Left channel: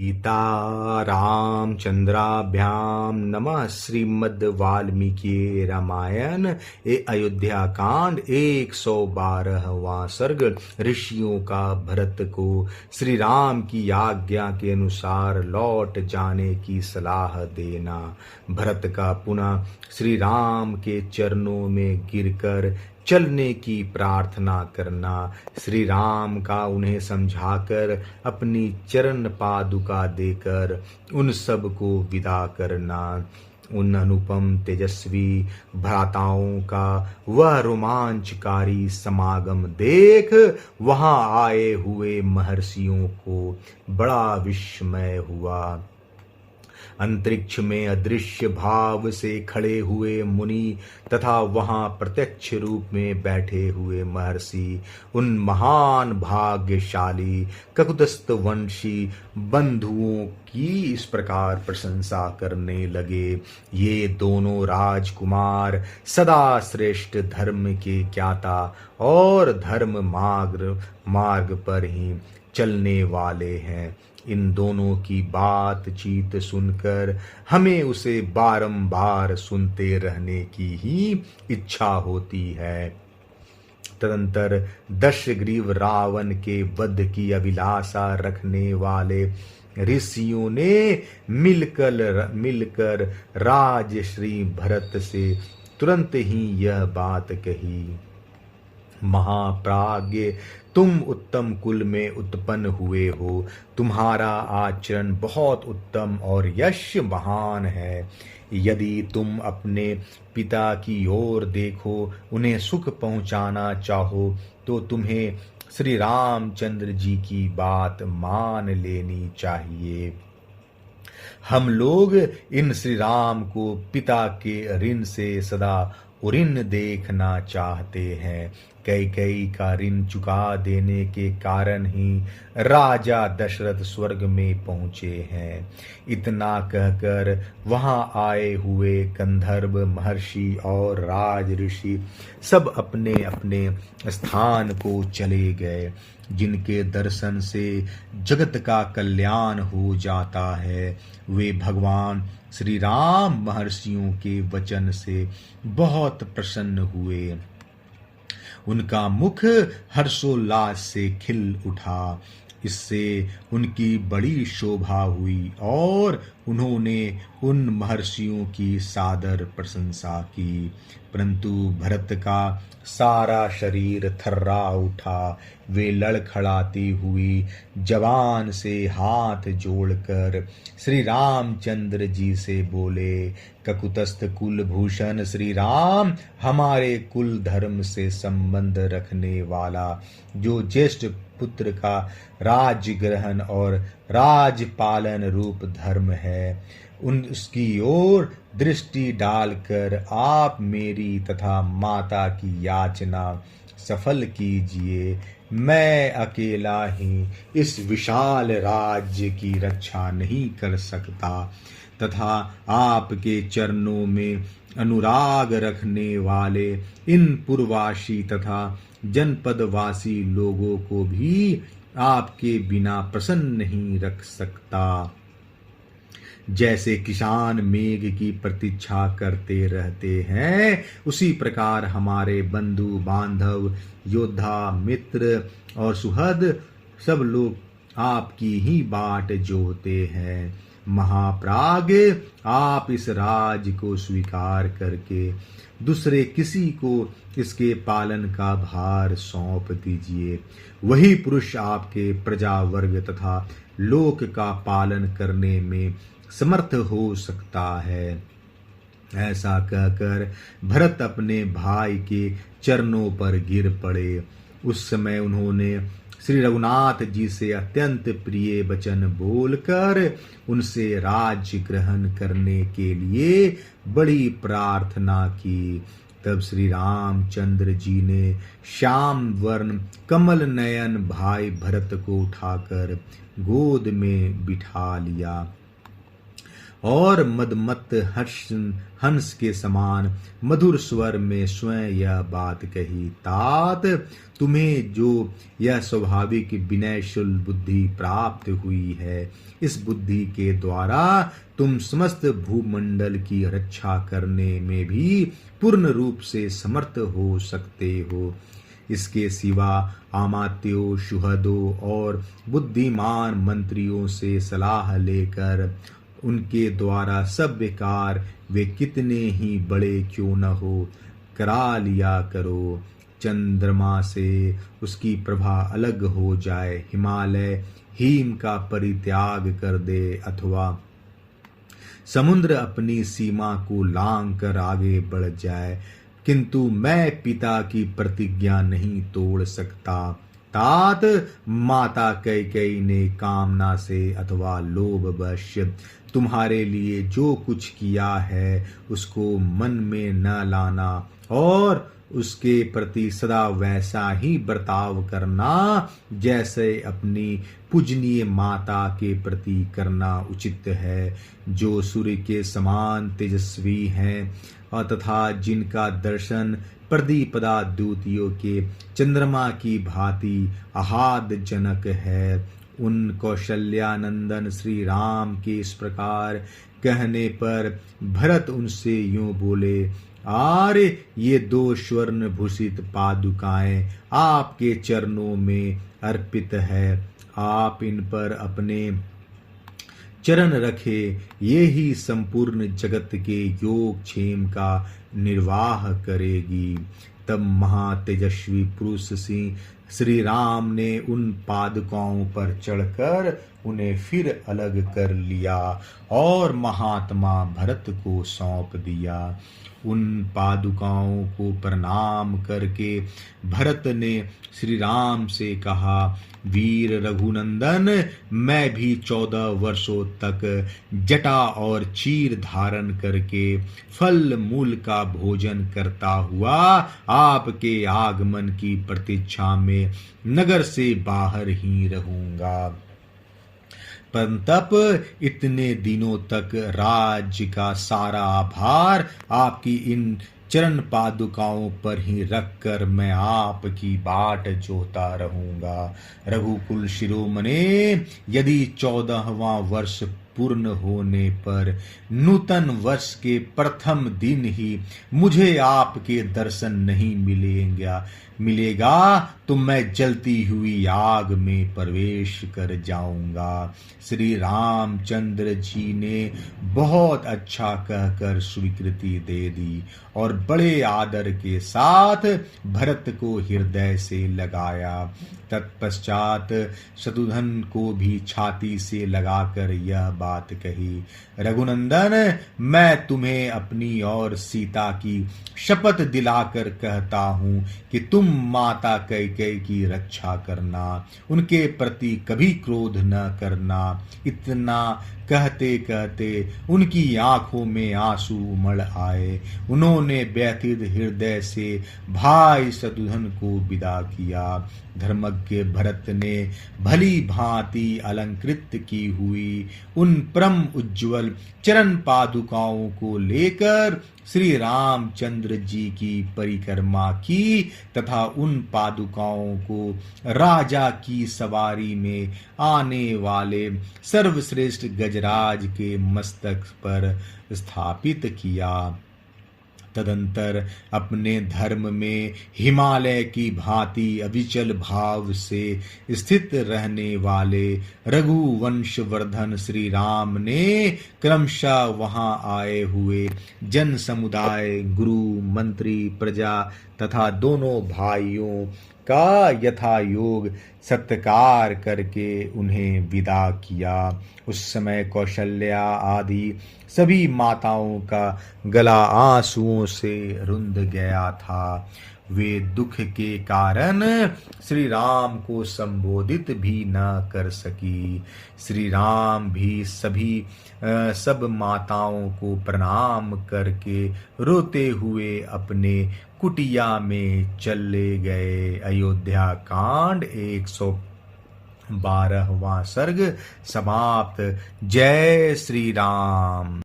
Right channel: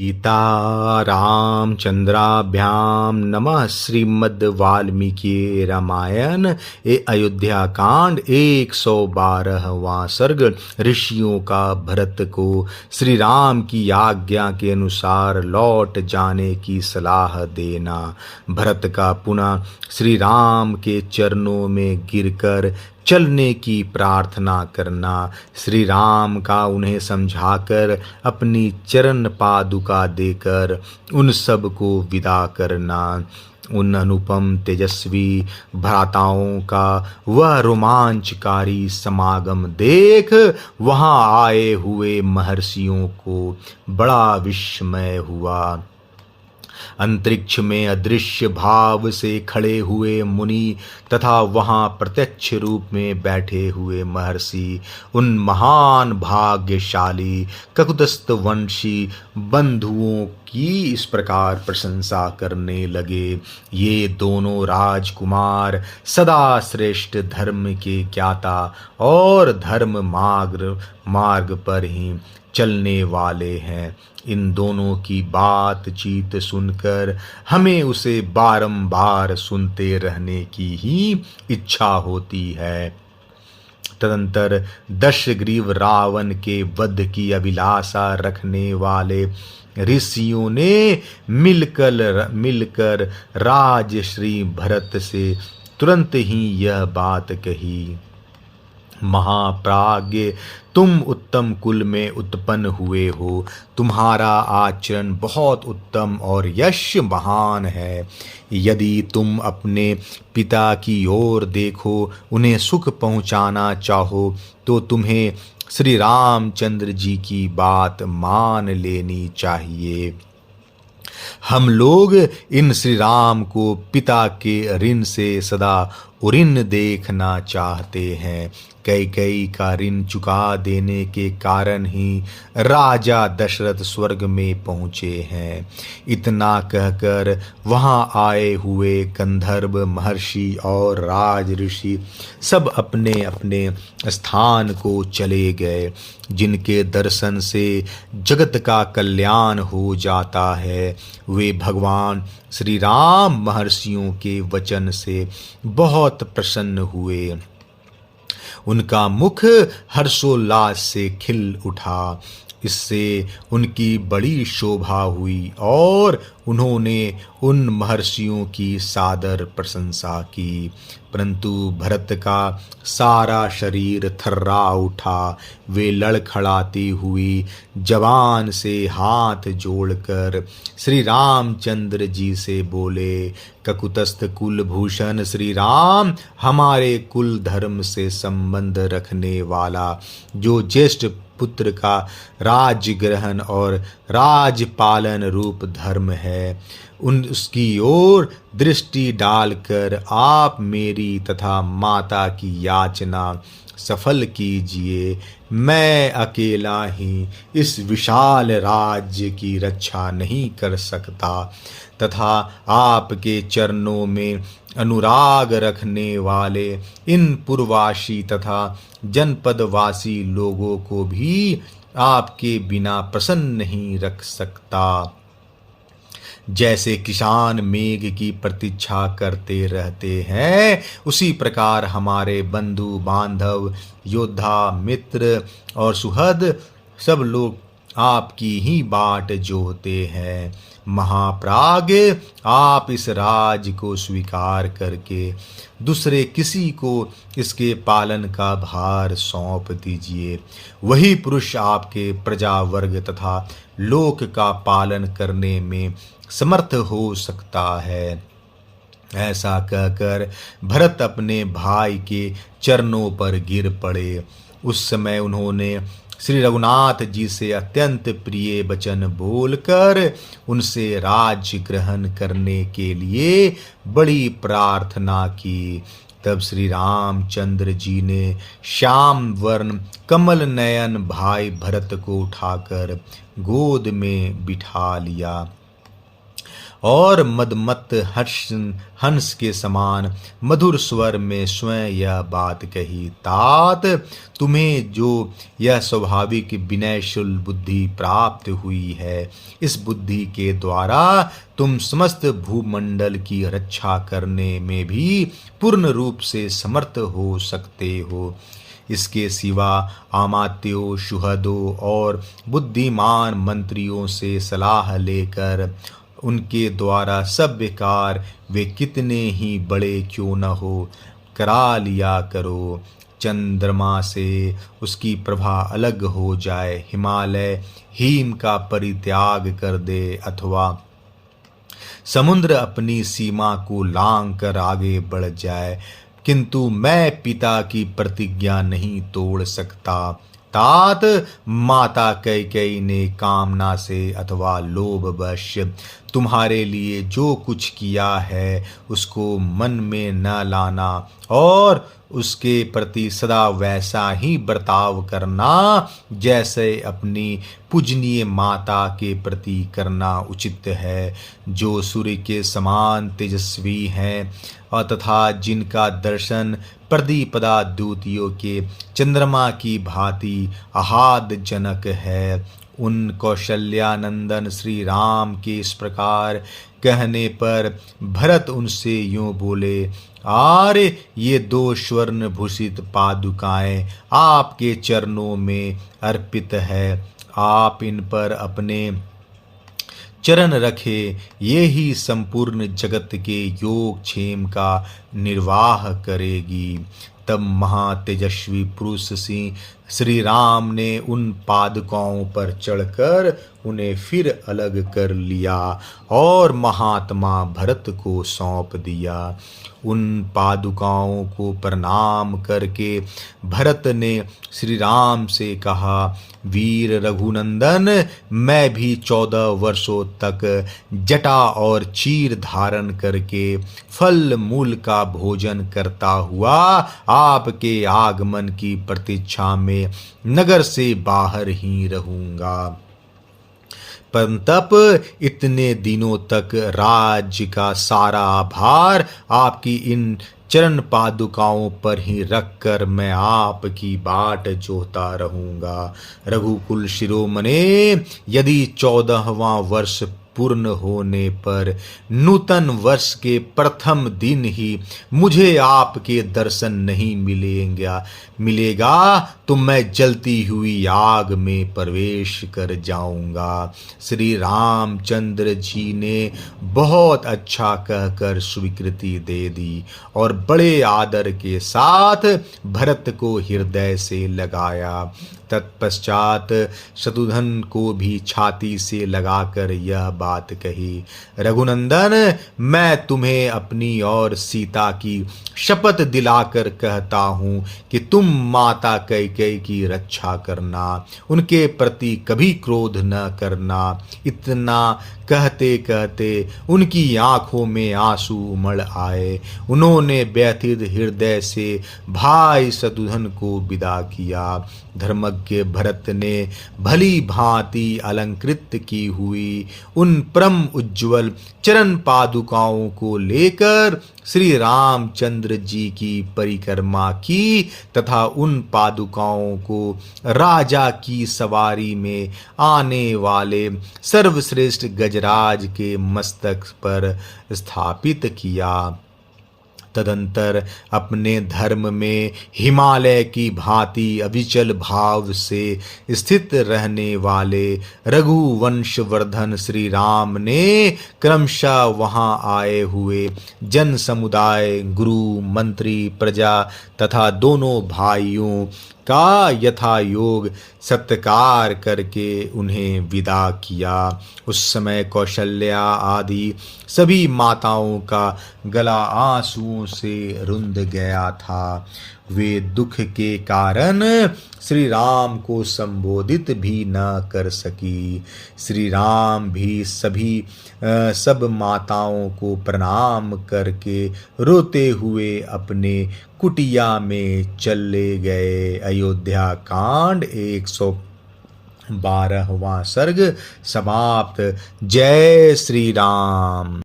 सीता रामचंद्राभ्याम नमः। श्रीमद् वाल्मीकि रामायण अयोध्या कांड 112वां सर्ग। ऋषियों का भरत को श्री राम की आज्ञा के अनुसार लौट जाने की सलाह देना। भरत का पुनः श्री राम के चरणों में गिरकर चलने की प्रार्थना करना। श्री राम का उन्हें समझाकर अपनी चरण पादुका देकर उन सब को विदा करना। उन अनुपम तेजस्वी भ्राताओं का वह रोमांचकारी समागम देख वहां आए हुए महर्षियों को बड़ा विस्मय हुआ। अंतरिक्ष में अदृश्य भाव से खड़े हुए मुनि तथा वहां प्रत्यक्ष रूप में बैठे हुए महर्षि उन महान भाग्यशाली ककुतस्थ वंशी बंधुओं की इस प्रकार प्रशंसा करने लगे। ये दोनों राजकुमार सदा श्रेष्ठ धर्म के ज्ञाता और धर्म मार्ग पर ही चलने वाले हैं। इन दोनों की बातचीत सुनकर हमें उसे बारंबार सुनते रहने की ही इच्छा होती है। तदंतर दशग्रीव रावण के वध की अभिलाषा रखने वाले ऋषियों ने मिलकर राजश्री भरत से तुरंत ही यह बात कही। महाप्राज्ञ, तुम उत्तम कुल में उत्पन्न हुए हो। तुम्हारा आचरण बहुत उत्तम और यश महान है। यदि तुम अपने पिता की ओर देखो, उन्हें सुख पहुंचाना चाहो, तो तुम्हें श्री रामचंद्र जी की बात मान लेनी चाहिए। हम लोग इन श्री राम को पिता के ऋण से सदा ऋण देखना चाहते हैं। कैकेयी का ऋण चुका देने के कारण ही राजा दशरथ स्वर्ग में पहुँचे हैं। इतना कहकर वहाँ आए हुए गंधर्व महर्षि और राज ऋषि सब अपने अपने स्थान को चले गए। जिनके दर्शन से जगत का कल्याण हो जाता है, वे भगवान श्री राम महर्षियों के वचन से बहुत प्रसन्न हुए। उनका मुख हर्षोल्लास से खिल उठा। इससे उनकी बड़ी शोभा हुई और उन्होंने उन महर्षियों की सादर प्रशंसा की। परंतु भरत का सारा शरीर थर्रा उठा। वे लड़खड़ाती हुई जबान से हाथ जोड़कर श्री रामचंद्र जी से बोले, ककुतस्थ कुलभूषण श्री राम, हमारे कुल धर्म से संबंध रखने वाला जो ज्येष्ठ पुत्र का राज्य ग्रहण और राजपालन रूप धर्म है, उसकी ओर दृष्टि डालकर आप मेरी तथा माता की याचना सफल कीजिए। मैं अकेला ही इस विशाल राज्य की रक्षा नहीं कर सकता तथा आपके चरणों में अनुराग रखने वाले इन पुरवासी तथा जनपदवासी लोगों को भी आपके बिना प्रसन्न नहीं रख सकता। जैसे किसान मेघ की प्रतीक्षा करते रहते हैं, उसी प्रकार हमारे बंधु बांधव, योद्धा, मित्र और सुहृद सब लोग आपकी ही बाट जोहते हैं। महाप्राज्ञ, आप इस राज को स्वीकार करके दूसरे किसी को इसके पालन का भार सौंप दीजिए। वही पुरुष आपके प्रजा वर्ग तथा लोक का पालन करने में समर्थ हो सकता है। ऐसा कहकर भरत अपने भाई के चरणों पर गिर पड़े। उस समय उन्होंने श्री रघुनाथ जी से अत्यंत प्रिय वचन बोलकर उनसे राज्य ग्रहण करने के लिए बड़ी प्रार्थना की। तब श्री रामचंद्र जी ने श्याम वर्ण कमल नयन भाई भरत को उठाकर गोद में बिठा लिया और मदमत हंस के समान मधुर स्वर में स्वयं यह बात कही, तात तुम्हें जो यह स्वाभाविक विनयशील बुद्धि प्राप्त हुई है, इस बुद्धि के द्वारा तुम समस्त भूमंडल की रक्षा करने में भी पूर्ण रूप से समर्थ हो सकते हो। इसके सिवा अमात्यों, सुहृदों और बुद्धिमान मंत्रियों से सलाह लेकर उनके द्वारा सब कार्य वे कितने ही बड़े क्यों न हो करा लिया करो। चंद्रमा से उसकी प्रभा अलग हो जाए, हिमालय हिम का परित्याग कर दे, अथवा समुद्र अपनी सीमा को लांघ कर आगे बढ़ जाए, किंतु मैं पिता की प्रतिज्ञा नहीं तोड़ सकता। तात माता कैकेयी ने कामना से अथवा लोभवश तुम्हारे लिए जो कुछ किया है उसको मन में न लाना और उसके प्रति सदा वैसा ही बर्ताव करना जैसे अपनी पूजनीय माता के प्रति करना उचित है, जो सूर्य के समान तेजस्वी हैं और तथा जिनका दर्शन प्रदीपदा द्युतियों के चंद्रमा की भांति आह्लाद जनक है। उन कौशल्यानंदन श्री राम के इस प्रकार कहने पर भरत उनसे यूं बोले, आर्य ये 2 स्वर्ण भूषित पादुकाएं आपके चरणों में अर्पित है, आप इन पर अपने चरण रखे, ये ही संपूर्ण जगत के योग क्षेम का निर्वाह करेगी। तब महातेजस्वी पुरुष सिंह श्री राम ने उन पादुकाओं पर चढ़कर उन्हें फिर अलग कर लिया और महात्मा भरत को सौंप दिया। उन पादुकाओं को प्रणाम करके भरत ने श्री राम से कहा, वीर रघुनंदन, मैं भी 14 वर्षों तक जटा और चीर धारण करके फल मूल का भोजन करता हुआ आपके आगमन की प्रतीक्षा में नगर से बाहर ही रहूंगा। परंतप इतने दिनों तक राज्य का सारा भार आपकी इन चरण पादुकाओं पर ही रखकर मैं आपकी बाट जोता रहूंगा। रघुकुल शिरोमणे, यदि 14वां वर्ष पूर्ण होने पर नूतन वर्ष के प्रथम दिन ही मुझे आपके दर्शन नहीं मिलेगा तो मैं जलती हुई आग में प्रवेश कर जाऊंगा। श्री रामचंद्र जी ने बहुत अच्छा कहकर स्वीकृति दे दी और बड़े आदर के साथ भरत को हृदय से लगाया। तत्पश्चात शत्रुघ्न को भी छाती से लगाकर यह बात कही, रघुनंदन, मैं तुम्हें अपनी और सीता की शपथ दिलाकर कहता हूँ कि तुम माता कैकेयी की रक्षा करना, उनके प्रति कभी क्रोध न करना। इतना कहते कहते उनकी आंखों में आंसू उमड़ आए। उन्होंने व्यथित हृदय से भाई शत्रुघ्न को विदा किया। धर्मज्ञ भरत ने भली भांति अलंकृत की हुई उन परम उज्ज्वल चरण पादुकाओं को लेकर श्री रामचंद्र जी की परिक्रमा की तथा उन पादुकाओं को राजा की सवारी में आने वाले सर्वश्रेष्ठ गजराज के मस्तक पर स्थापित किया। तदंतर अपने धर्म में हिमालय की भांति अविचल भाव से स्थित रहने वाले रघुवंशवर्धन श्री राम ने क्रमशः वहां आए हुए जन समुदाय, गुरु, मंत्री, प्रजा तथा दोनों भाइयों का यथा योग सत्कार करके उन्हें विदा किया। उस समय कौशल्या आदि सभी माताओं का गला आंसुओं से रुंध गया था। वे दुख के कारण श्री राम को संबोधित भी न कर सकी। श्री राम भी सब माताओं को प्रणाम करके रोते हुए अपने कुटिया में चले गए। अयोध्या कांड 12वां सर्ग समाप्त। जय श्री राम।